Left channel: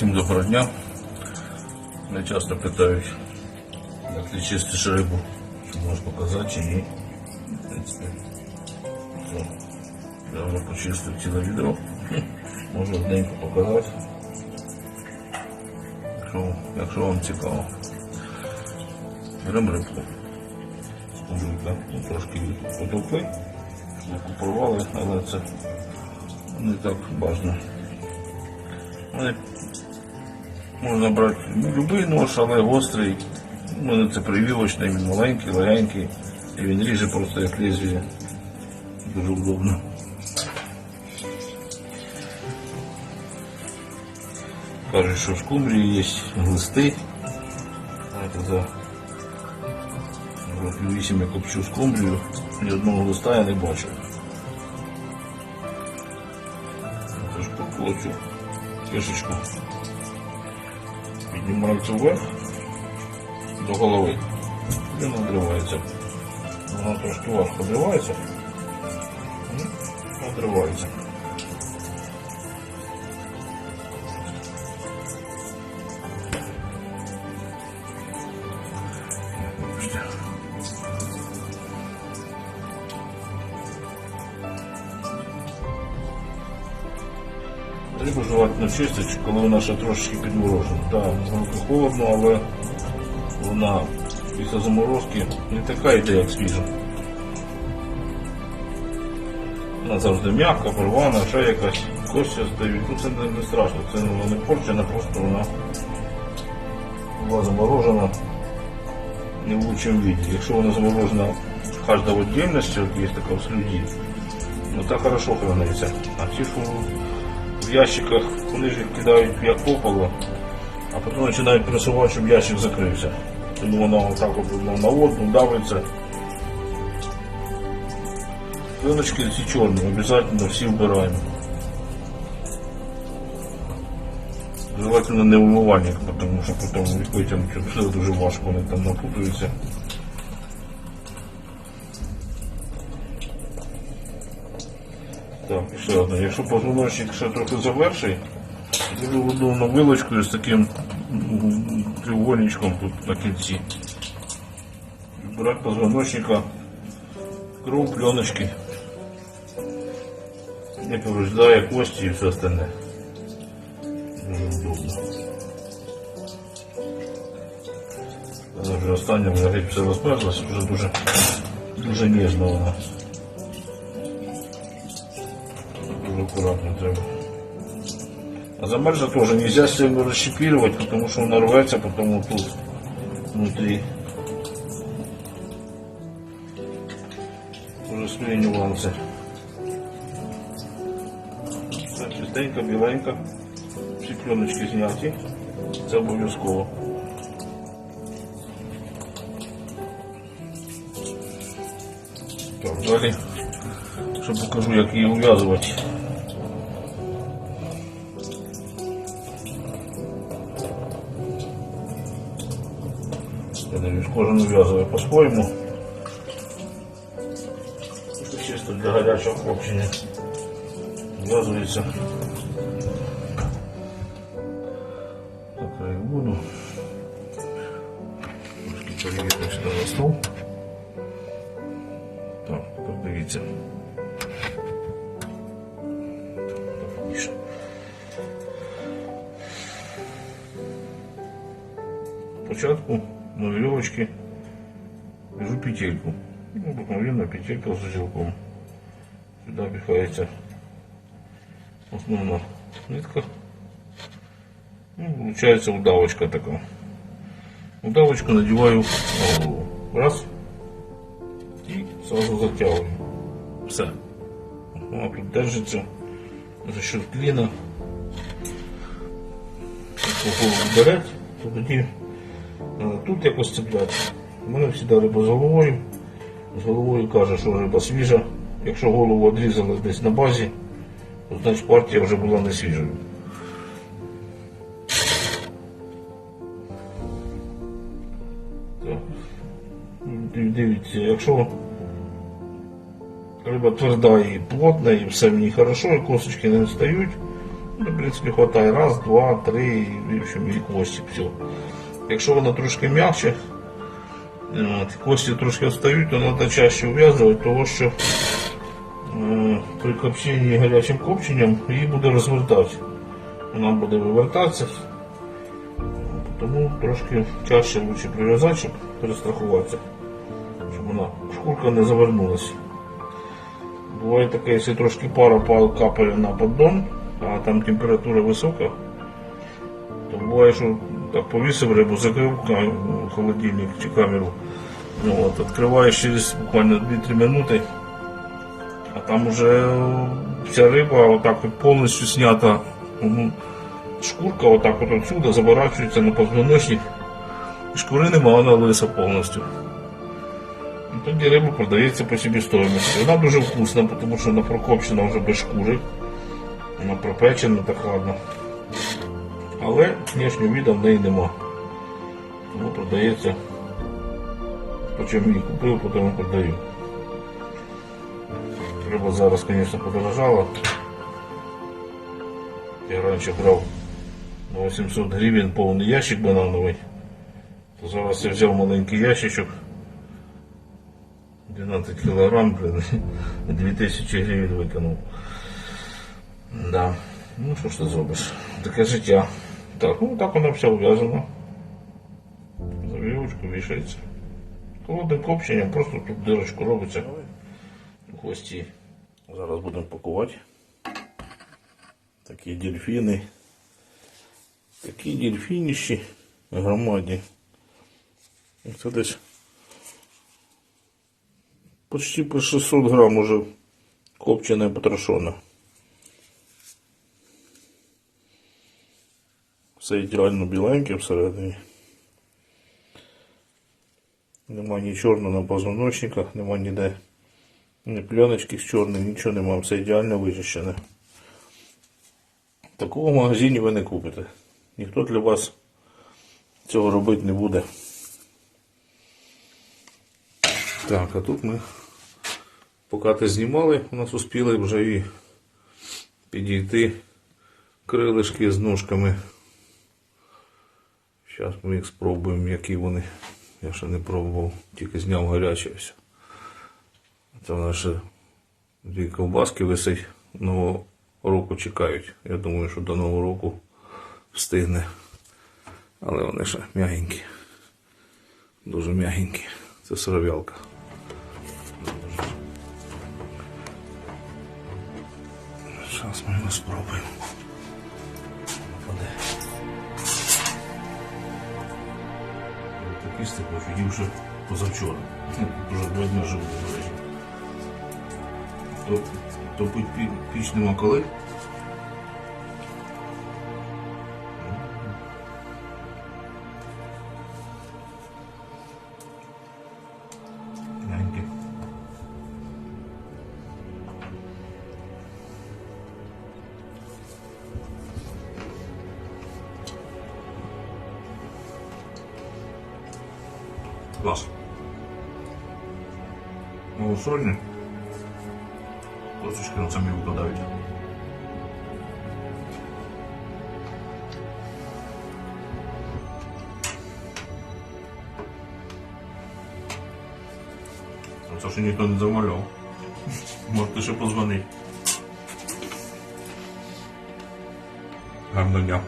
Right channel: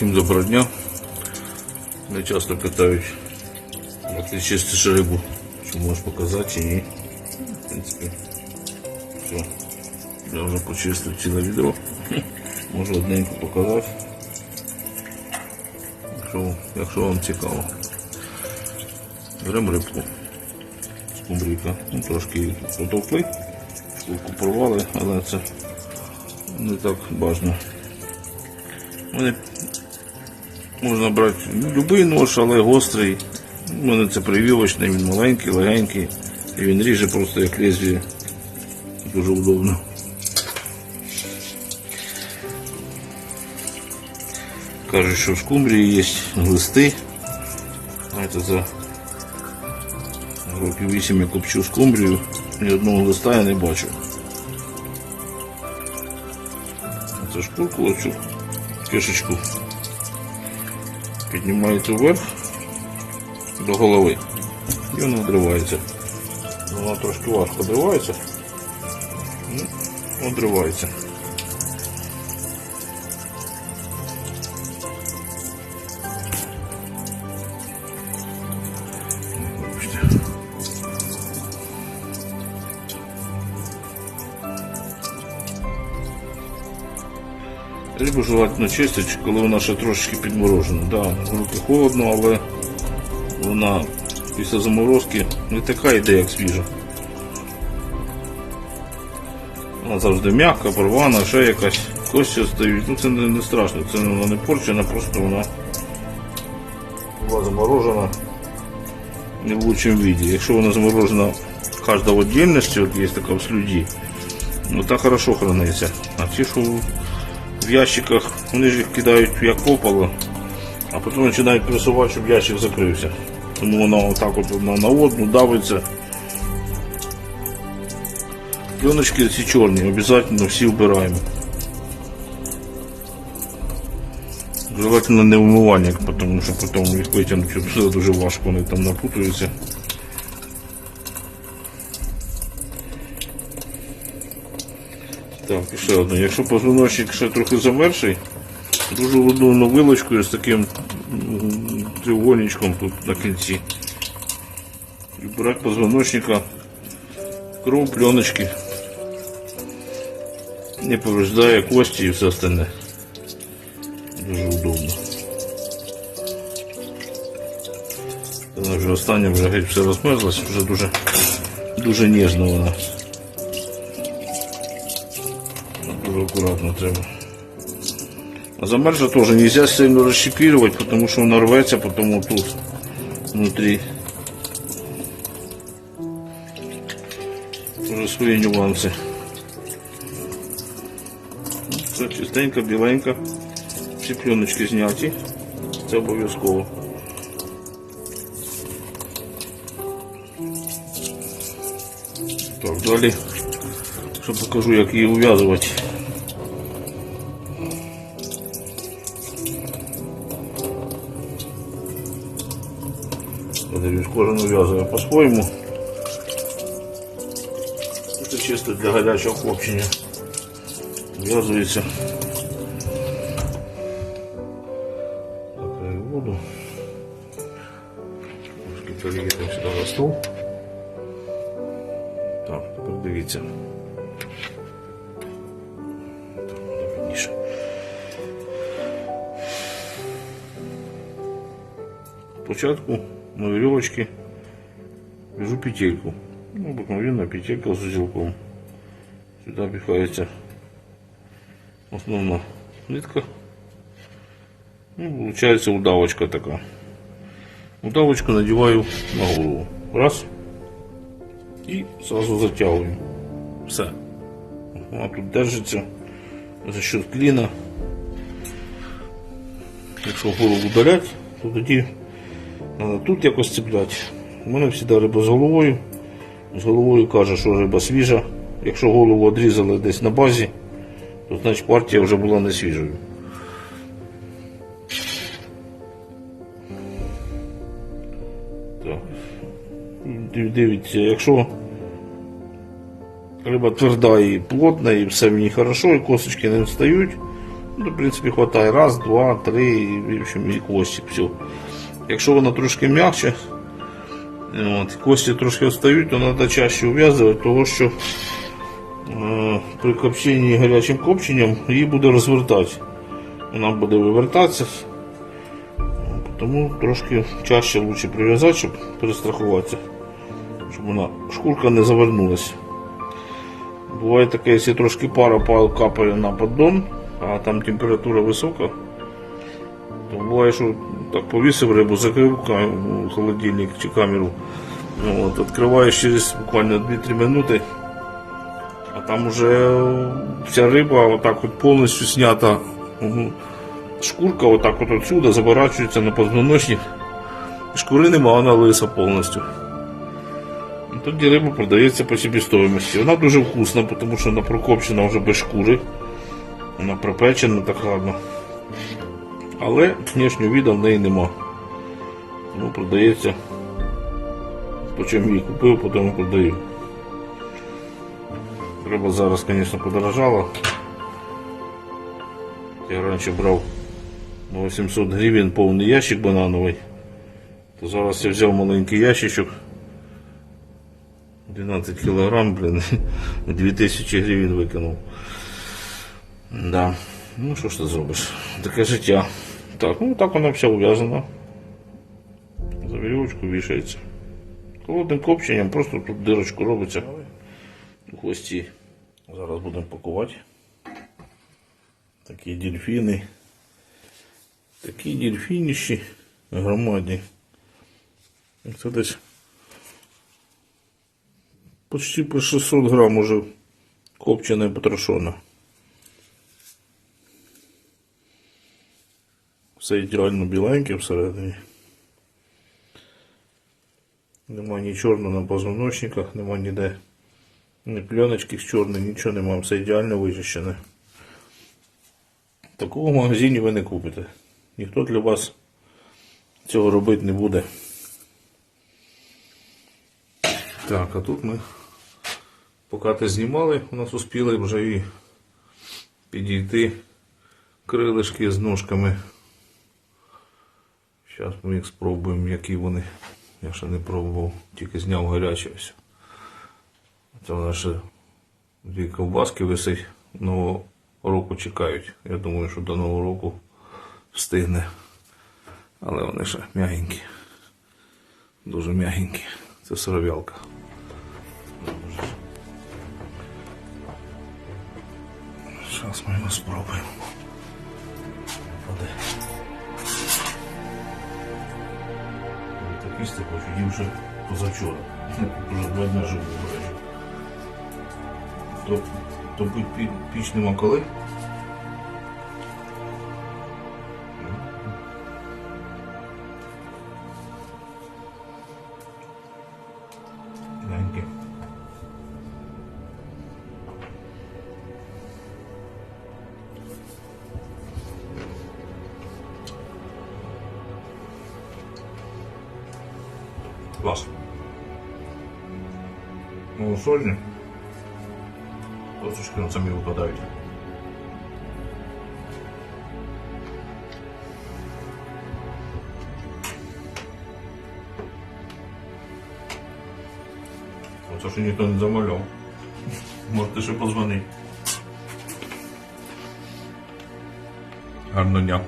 Всім доброго дня. Мене часто питають, як ти чистиш рибу, чи можеш показати чи ні. В принципі, все. Я вже почистив ціле відео. Можу одненько показати. Якщо, якщо вам цікаво. Беремо рибку. Скумбрійка. Ну, трошки її потовкли, штуку порвали, але це не так важливо. Вони можна брати будь-який нож, але гострий. У мене це прививочний, він маленький, легенький. І він ріже просто як лезвіє. Дуже удобно. Кажуть, що в скумбрії є глисти. Знаєте, за років 8 я копчу скумбрію, ні одного листа я не бачив. Це шкурку оцю кишечку піднімається вверх до голови і вона відривається. Вона трошки важко відривається. Ну, Рибу желательно чистити, коли вона ще трошечки підморожена. Да, руки холодно, але вона після заморозки не така йде, як свіжа. Вона завжди м'яка, порвана, ще якась кості стають. Ну це не, страшно, це вона не порчена, просто вона була заморожена не в лучшому віді. Якщо вона заморожена кожна в отдельності, от є така в слюді, ну та хорошо храниться. А ті, що в ящиках, вони ж їх кидають як попало, а потім починають пресувати, щоб ящик закрився. Тому воно отак от на, на одну давиться. Пленочки ці чорні, обов'язково всі вбираємо. Желательно не вмивальник, тому що потім їх витягнути все дуже важко, вони там напутуються. Так, ще одне. Якщо позвоночник ще трохи заверший, дуже удобно вилочкою з таким треугольничком тут на кінці. І брати позвоночника, кров, пленочки. Не повреждає кості і все остальне. Дуже удобно. Вона вже остання вже геть все розмерзлась, вже дуже, дуже ніжно вона. Аккуратно треба. А замерзла тоже нельзя сильно расщепировать, потому что он рвется потом тут внутри. Уже свої нюанси. Це чистенько, біленько. Всі пленочки зняті. Це обов'язково. Так, далі. Що покажу, як її ув'язувати. Подивлюсь, кожен ув'язує по-своєму. Це чисто для гарячого хлопчення. В'язується. Закрию воду. Перевіримо сюди на стол. Так, тепер дивіться. Спочатку на веревочке вяжу петельку. Ну, обыкновенная петелька с узелком. Сюда пихается основная нитка. Ну, получается удавочка такая. Удавочку надеваю на голову. Раз. И сразу затягиваю. Все. Она тут держится за счет клина. Якщо голову беруть, то тоді тут якось цепляти. У мене завжди риба з головою. З головою каже, що риба свіжа. Якщо голову відрізали десь на базі, то значить партія вже була не свіжою. Дивіться, якщо риба тверда і плотна, і все в ній хорошо, і косточки не встають, Ну, в принципі, хватає. Раз, два, три, і, в общем, і кості. Все. Якщо вона трошки м'якше, кості трошки відстають, то треба чаще ув'язувати, тому що е, при копченні гарячим копченням її буде розвертати. Вона буде вивертатися. Тому трошки чаще лучше прив'язати, щоб перестрахуватися, щоб вона шкурка не завернулася. Буває таке, якщо трошки пара па- капає на поддон, а там температура висока, то буває, що так повісив рибу, закрив холодильник чи камеру. Ну, от, відкриваєш через буквально 2-3 минути, а там уже вся риба отак от повністю снята. Шкурка отак от отсюда заворачується на позвоночник. Шкури нема, вона лиса повністю. І тоді риба продається по себестоїмості. Вона дуже вкусна, тому що вона прокопчена вже без шкури. Вона пропечена так гарно. Але внешнього віда в неї нема. Тому продається. По її купив, потім продаю. Риба зараз, звісно, подорожала. Я раніше брав 800 гривень повний ящик банановий. То зараз я взяв маленький ящичок. 12 килограмм, блин, 2000 гривень викинув. Да. Ну що ж ти зробиш? Таке життя. Так, ну так вона вся ув'язана. За вірьовочку вішається. Холодним копченням просто тут дирочку робиться у хвості. Зараз будемо пакувати. Такі дельфіни. Такі дельфініші громадні. Це десь почти по 600 грам уже копчене потрошоне. Все ідеально біленьке всередині. Нема ні чорного на позвоночниках, нема ніде ні пленочки з чорним, нічого нема, все ідеально вичищене. Такого в магазині ви не купите. Ніхто для вас цього робити не буде. Так, а тут ми, поки ти знімали, у нас успіли вже і підійти крилишки з ножками. Зараз ми їх спробуємо, які вони. Я ще не пробував, тільки зняв гаряче все. Це в нас дві ковбаски висить. Нового року чекають. Я думаю, що до Нового року встигне. Але вони ще м'ягенькі. Дуже м'ягенькі. Це сировялка. Зараз ми його спробуємо. Ходи. Такі з ще позавчора. Вже два дні живу вроді. То, Топить пі- піч нема коли. Клас. Малосольні. Косточки на самі випадають. Це ще ніхто не замовляв. Можете ще позвонити. Гарного дня.